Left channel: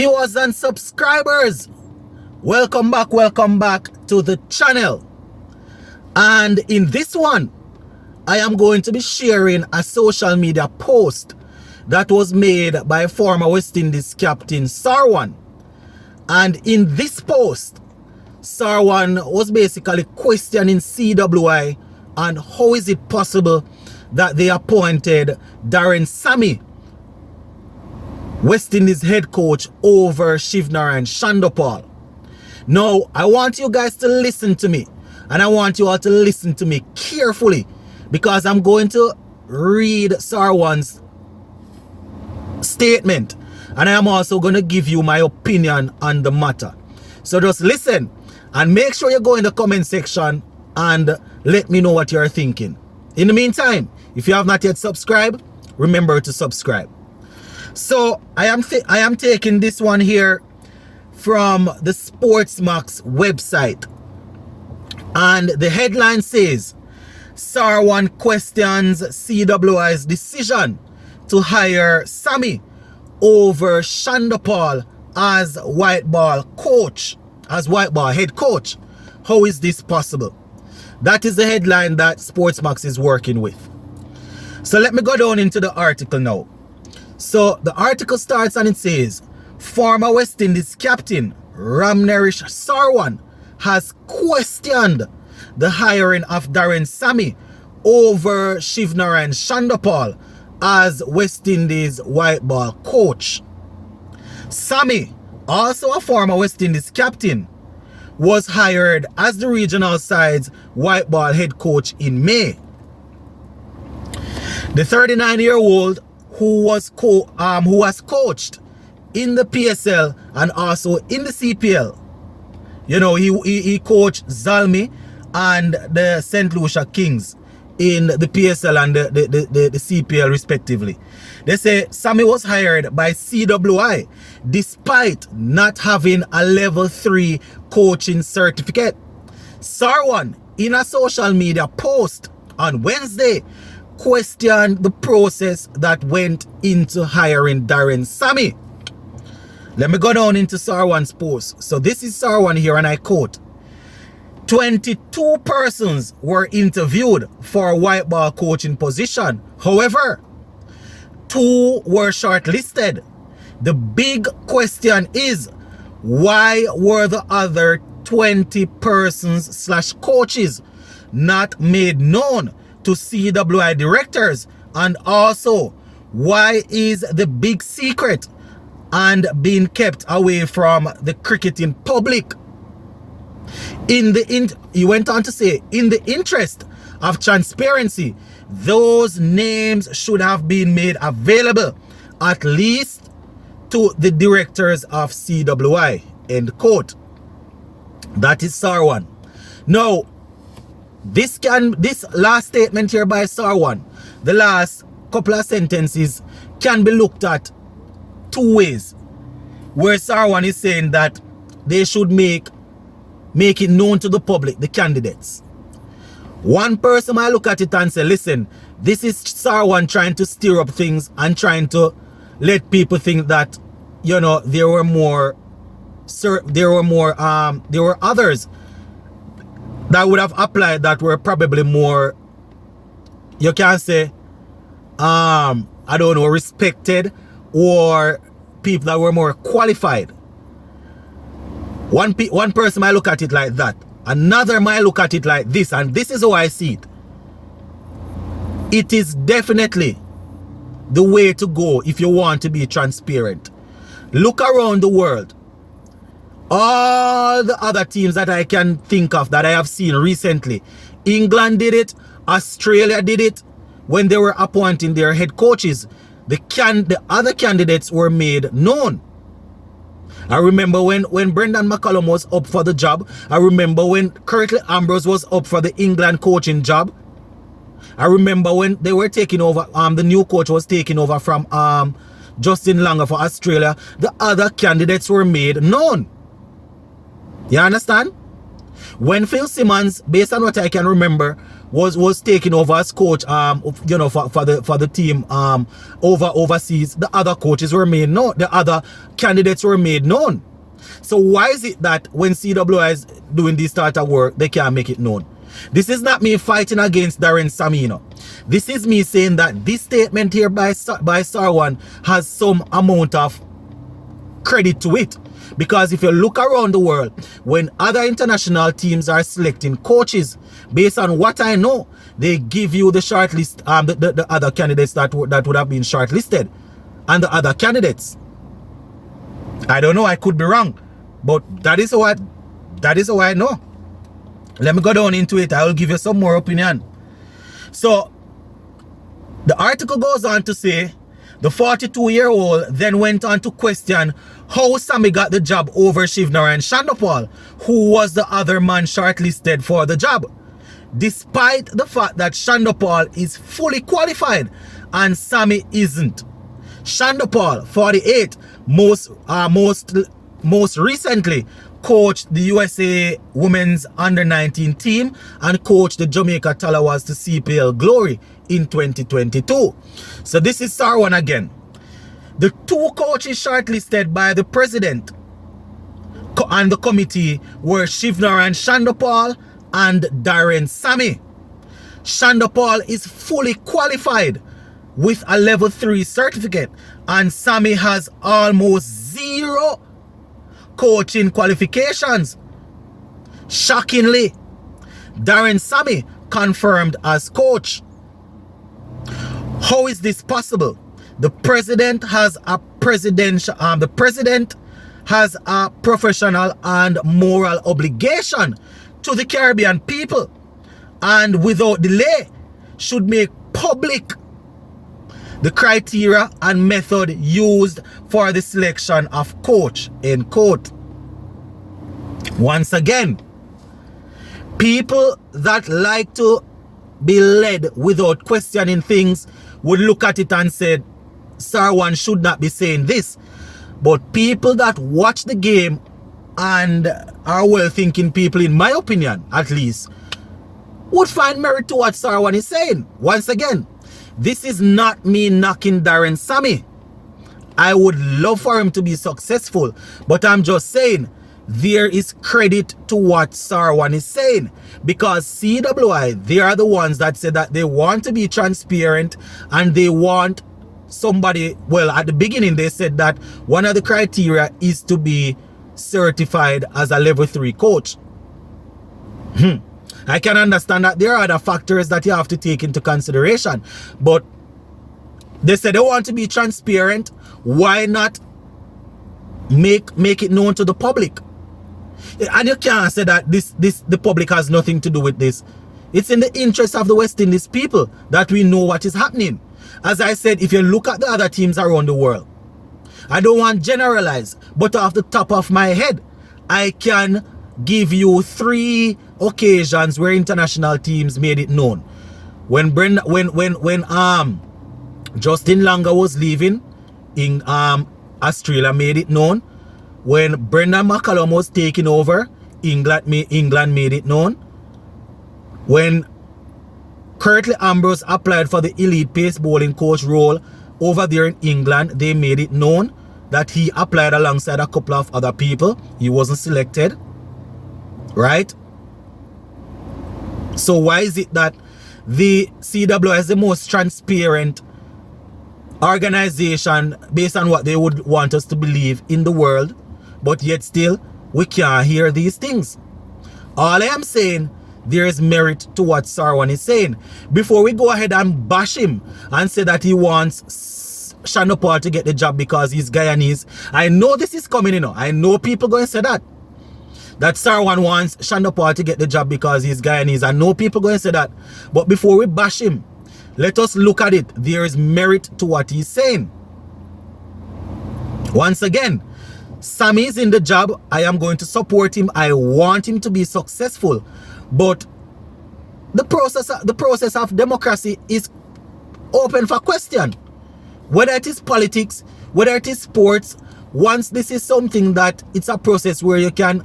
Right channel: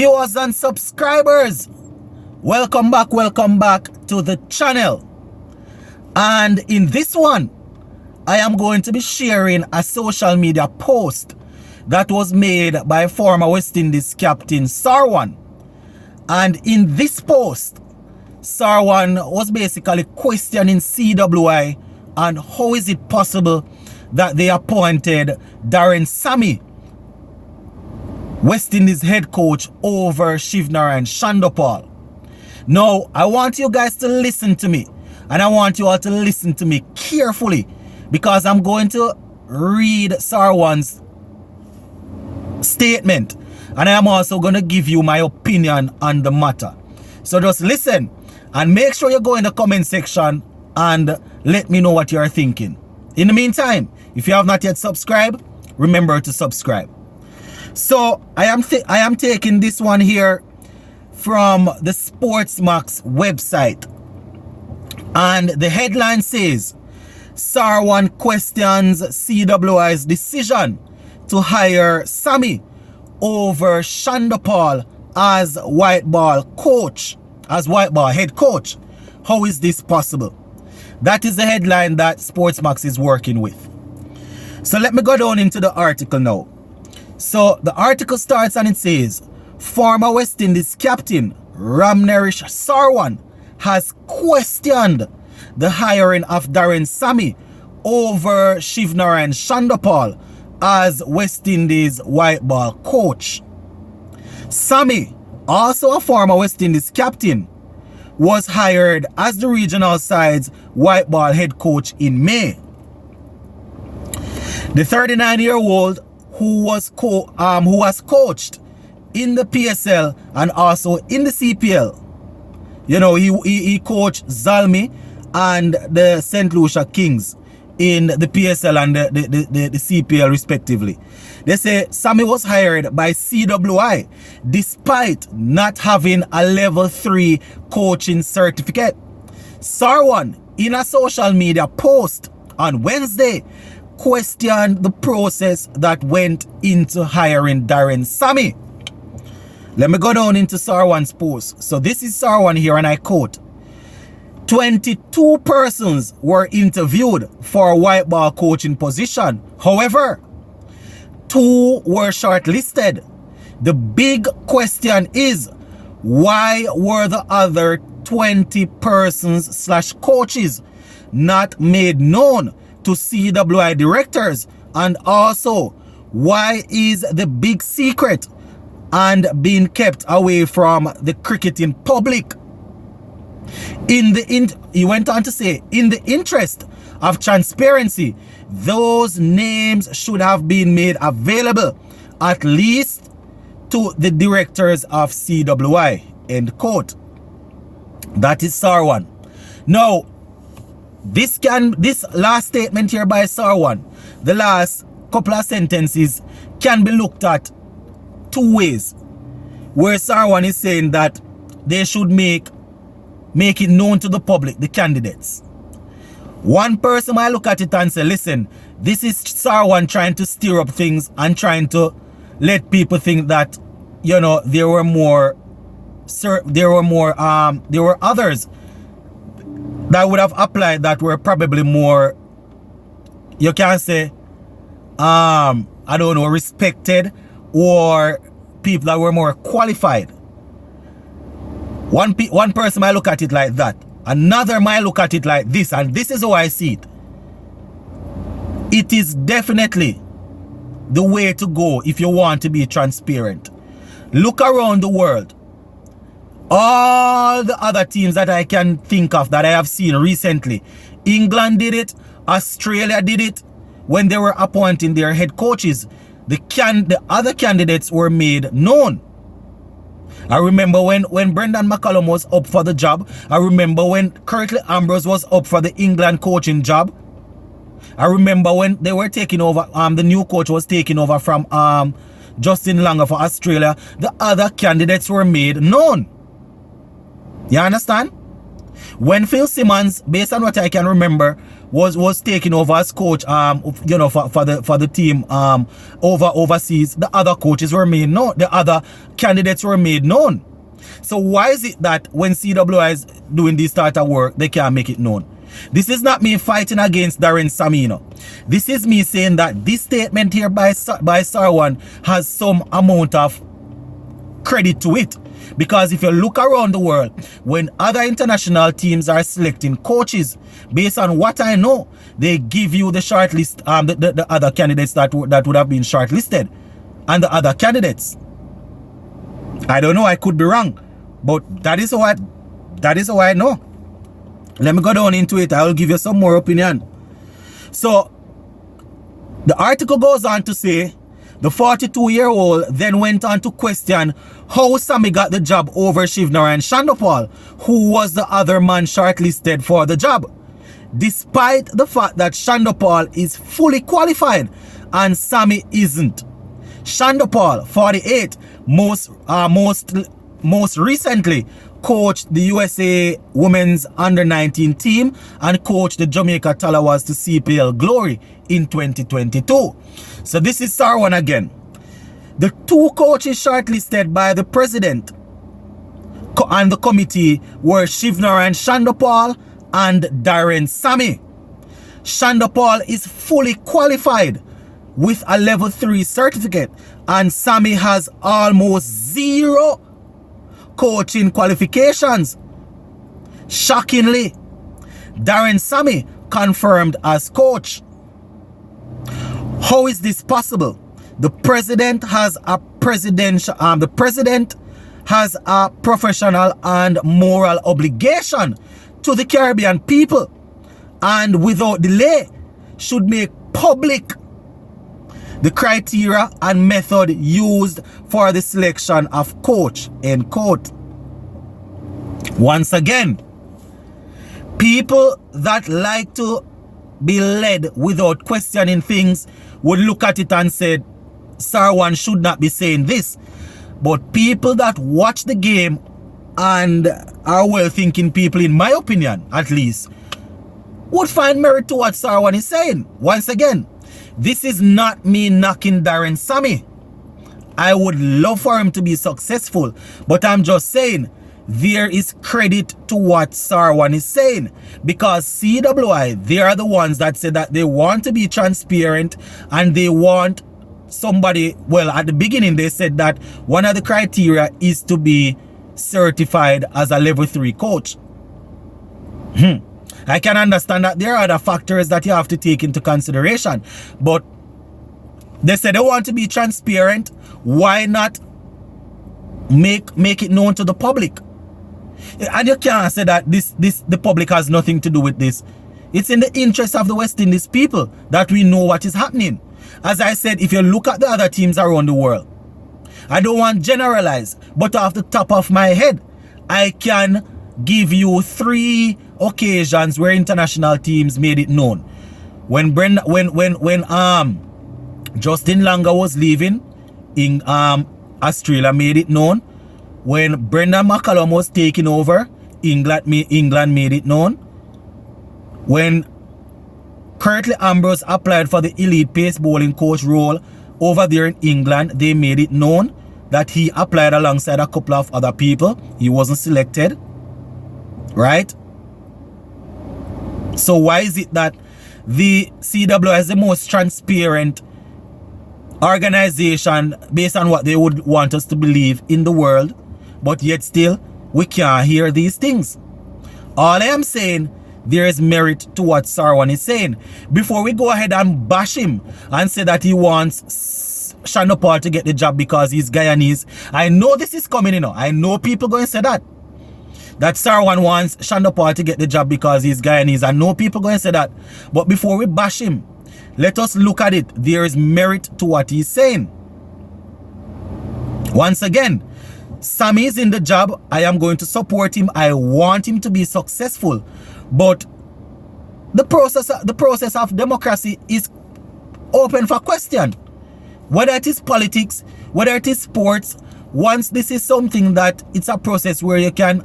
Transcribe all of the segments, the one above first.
Viewers and subscribers, welcome back to the channel. And in this one, I am going to be sharing a social media post that was made by former West Indies captain Sarwan. And in this post, Sarwan was basically questioning CWI and how is it possible that they appointed Sammy, West Indies head coach, over Shivnarine Shandopal. Now, I want you guys to listen to me, and I want you all to listen to me carefully, because I'm going to read Sarwan's statement, and I am also going to give you my opinion on the matter. So just listen, and make sure you go in the comment section and let me know what you are thinking. In the meantime, if you have not yet subscribed, remember to subscribe. So I am taking this one here from the Sportsmax website, and the headline says Sarwan questions CWI's decision to hire Sammy over Shandopal as white ball head coach. How is this possible? That is the headline that Sportsmax is working with. So let me go down into the article now. So the article starts and it says, former West Indies captain Ramnerish Sarwan has questioned the hiring of Sammy over Shivnarine Shandopal as West Indies white ball coach. Sammy, also a former West Indies captain, was hired as the regional side's white ball head coach in May. The 39-year-old who was coached in the PSL and also in the CPL. You know, he coached Zalmi and the St. Lucia Kings in the PSL and the CPL respectively. They say Sammy was hired by CWI despite not having a level 3 coaching certificate. Sarwan, in a social media post on Wednesday, questioned the process that went into hiring Sammy. Let me go down into Sarwan's post. So this is Sarwan here, and I quote, 22 persons were interviewed for a white ball coaching position. However, 2 were shortlisted. The big question is, why were the other 20 persons / coaches not made known to CWI directors? And also, why is the big secret and being kept away from the cricketing public? He went on to say, in the interest of transparency, those names should have been made available, at least to the directors of CWI, end quote. That is Sarwan. Now, this last statement here by Sarwan, the last couple of sentences, can be looked at 2 ways. Where Sarwan is saying that they should make it known to the public, the candidates. One person might look at it and say, listen, this is Sarwan trying to stir up things and trying to let people think that, you know, there were others that would have applied that were probably more, you can say, I don't know, respected, or people that were more qualified. One person might look at it like that. Another might look at it like this, and this is how I see it. It is definitely the way to go if you want to be transparent. Look around the world. All the other teams that I can think of that I have seen recently. England did it. Australia did it. When they were appointing their head coaches, the other candidates were made known. I remember when Brendan McCullum was up for the job. I remember when Curtly Ambrose was up for the England coaching job. I remember when they were taking over, the new coach was taking over from Justin Langer for Australia. The other candidates were made known. You understand? When Phil Simmons, based on what I can remember, was taking over as coach, you know, for the team overseas, the other coaches were made known, the other candidates were made known. So why is it that when CWI is doing this start of work, they can't make it known? This is not me fighting against Darren Sammy, you know. This is me saying that this statement here by Sarwan has some amount of credit to it. Because if you look around the world, when other international teams are selecting coaches, based on what I know, they give you the shortlist, the other candidates that would have been shortlisted, and the other candidates. I don't know, I could be wrong, but that is how I know. Let me go down into it. I will give you some more opinion. So the article goes on to say the 42-year-old then went on to question how Sammy got the job over Shivnarine Shandopal, who was the other man shortlisted for the job, despite the fact that Shandopal is fully qualified and Sammy isn't. Shandopal, 48, most recently coached the USA Women's Under-19 team and coached the Jamaica Talawas to CPL glory in 2022. So this is Sarwan again. The two coaches shortlisted by the president and the committee were Shivnarine Shandopal and Darren Sammy. Shandopal is fully qualified with a level 3 certificate, and Sammy has almost 0 coaching qualifications. Shockingly, Darren Sammy confirmed as coach. How is this possible? The president has a professional and moral obligation to the Caribbean people, and without delay should make public the criteria and method used for the selection of coach, end quote. Once again, people that like to be led without questioning things would look at it and say, Sarwan should not be saying this. But people that watch the game and are well-thinking people, in my opinion at least, would find merit to what Sarwan is saying. Once again, this is not me knocking Darren Sammy. I would love for him to be successful, but I'm just saying there is credit to what Sarwan is saying, because CWI, they are the ones that say that they want to be transparent and they want somebody, well, at the beginning they said that one of the criteria is to be certified as a level 3 coach. I can understand that there are other factors that you have to take into consideration, but they said they want to be transparent. Why not make it known to the public? And you can't say that the public has nothing to do with this. It's in the interest of the West Indies people that we know what is happening. As I said, if you look at the other teams around the world, I don't want to generalize, but off the top of my head, I can give you 3 occasions where international teams made it known. When Justin Langer was leaving, in Australia made it known. When Brendan McCallum was taking over, England made it known. When Curtly Ambrose applied for the elite pace bowling coach role over there in England, they made it known that he applied alongside a couple of other people. He wasn't selected. Right? So why is it that the CWI is the most transparent organization based on what they would want us to believe in the world, but yet still we can't hear these things? All I am saying, there is merit to what Sarwan is saying. Before we go ahead and bash him and say that he wants Shandopal to get the job because he's Guyanese, I know this is coming, you know. I know people going to say that Sarwan wants Shandopal to get the job because he's Guyanese. I know people going to say that. But before we bash him, let us look at it. There is merit to what he's saying. Once again, Sammy is in the job. I am going to support him. I want him to be successful. But the process of democracy is open for question. Whether it is politics, whether it is sports, once this is something that it's a process where you can,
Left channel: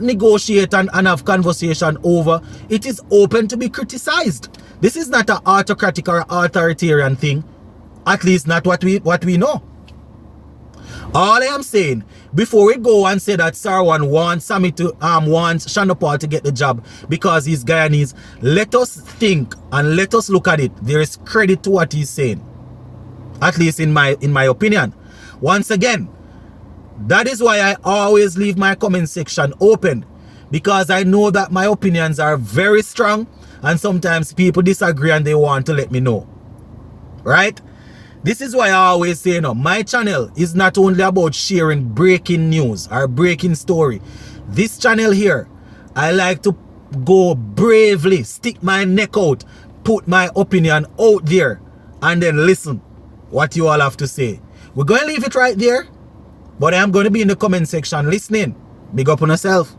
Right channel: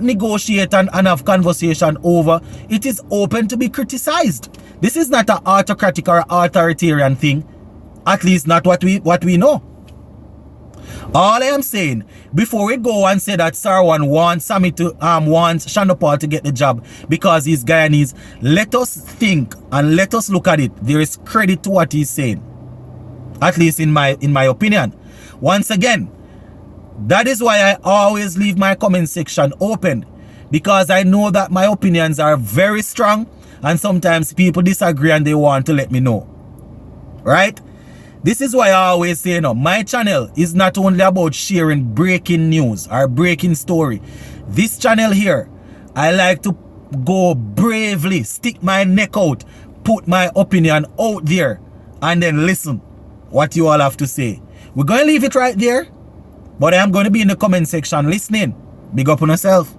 negotiate and have conversation over, it is open to be criticized. This is not an autocratic or authoritarian thing. At least not what we know. All I am saying, before we go and say that Sarwan wants Sammy to wants Shonda Paul to get the job because he's Guyanese, let us think and let us look at it. There is credit to what he's saying. At least in my opinion. Once again, that is why I always leave my comment section open, because I know that my opinions are very strong and sometimes people disagree and they want to let me know. Right? This is why I always say, my channel is not only about sharing breaking news or breaking story. This channel here, I like to go bravely, stick my neck out, put my opinion out there, and then listen what you all have to say. We're going to leave it right there, but I am going to be in the comment section listening. Big up on yourself.